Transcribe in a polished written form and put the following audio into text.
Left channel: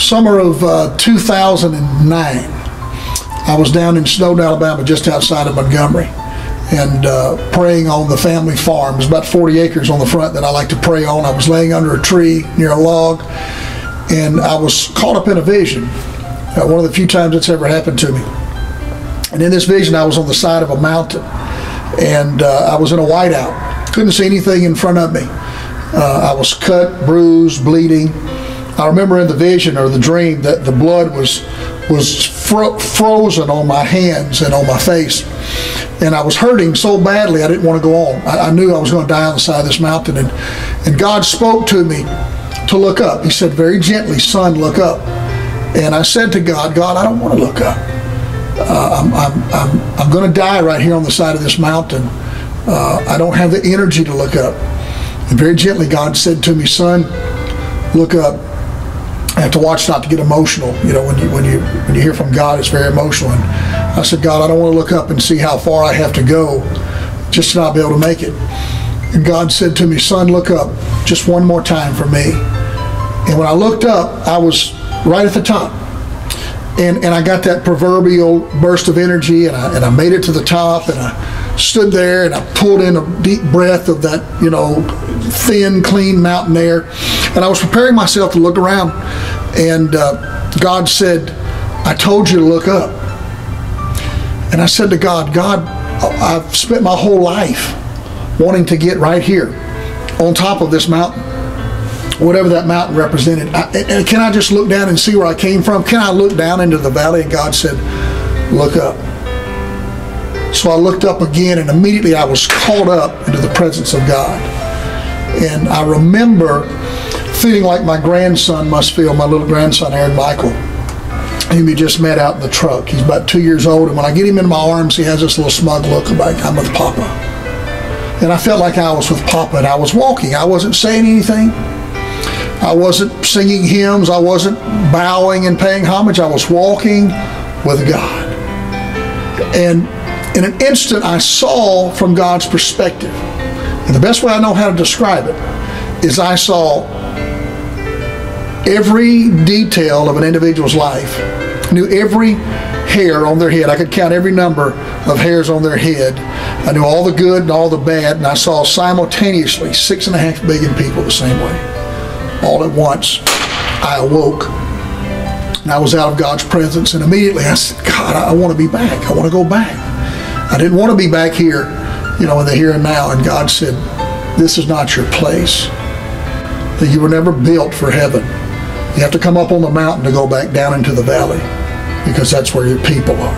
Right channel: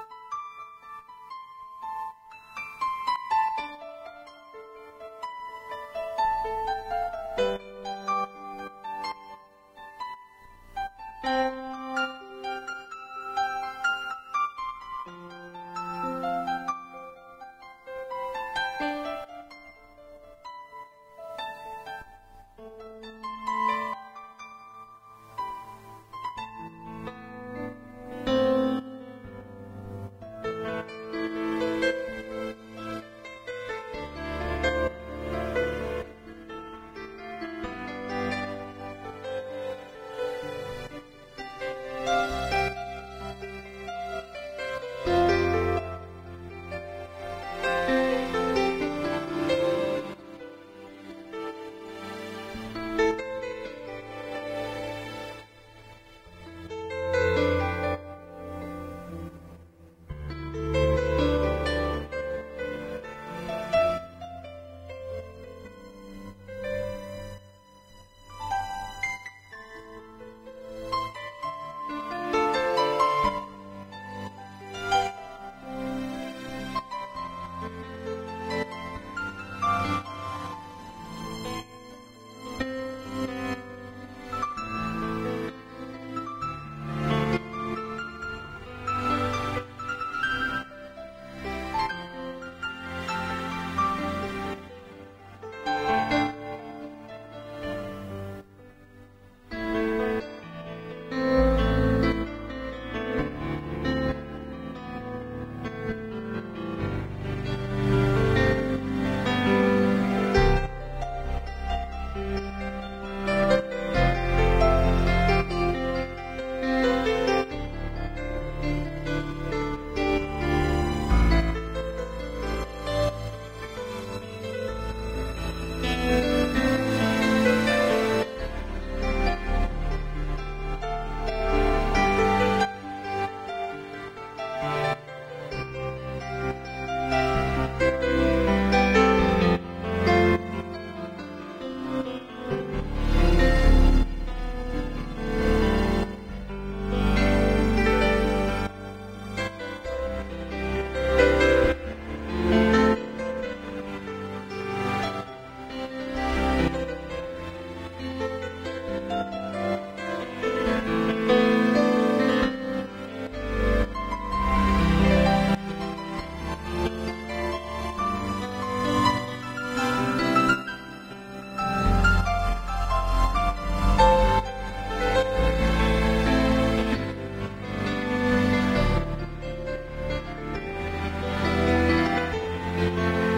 Summer of 2009, I was down in Snowden, Alabama, just outside of Montgomery, and praying on the family farm. There's about 40 acres on the front that I like to pray on. I was laying under a tree near a log, and I was caught up in a vision. One of the few times it's ever happened to me. And in this vision, I was on the side of a mountain, and I was in a whiteout. Couldn't see anything in front of me. I was cut, bruised, bleeding. I remember in the vision or the dream that the blood was frozen on my hands and on my face. And I was hurting so badly I didn't want to go on. I knew I was going to die on the side of this mountain. And God spoke to me to look up. He said very gently, "Son, look up." And I said to God, "God, I don't want to look up. I'm going to die right here on the side of this mountain. I don't have the energy to look up." And very gently God said to me, "Son, look up." I have to watch not to get emotional. You know, when you hear from God, it's very emotional. And I said, "God, I don't want to look up and see how far I have to go just to not be able to make it." And God said to me, "Son, look up just one more time for me." And when I looked up, I was right at the top. And I got that proverbial burst of energy, and I made it to the top, and I stood there and I pulled in a deep breath of that, you know, thin, clean mountain air. And I was preparing myself to look around, and God said, "I told you to look up." And I said to God, "God, I've spent my whole life wanting to get right here on top of this mountain, whatever that mountain represented. And can I just look down and see where I came from? Can I look down into the valley?" And God said, "Look up." So I looked up again, and immediately I was caught up into the presence of God. And I remember feeling like my grandson must feel, my little grandson, Aaron Michael, whom we just met out in the truck. He's about 2 years old, and when I get him in my arms, he has this little smug look like, "I'm with Papa." And I felt like I was with Papa, and I was walking. I wasn't saying anything. I wasn't singing hymns. I wasn't bowing and paying homage. I was walking with God. And in an instant, I saw from God's perspective. And the best way I know how to describe it is I saw every detail of an individual's life, knew every hair on their head. I could count every number of hairs on their head. I knew all the good and all the bad, and I saw simultaneously 6.5 billion people the same way. All at once, I awoke, and I was out of God's presence, and immediately I said, "God, I want to be back. I want to go back." I didn't want to be back here, you know, in the here and now. And God said, "This is not your place. You were never built for heaven. You have to come up on the mountain to go back down into the valley, because that's where your people are."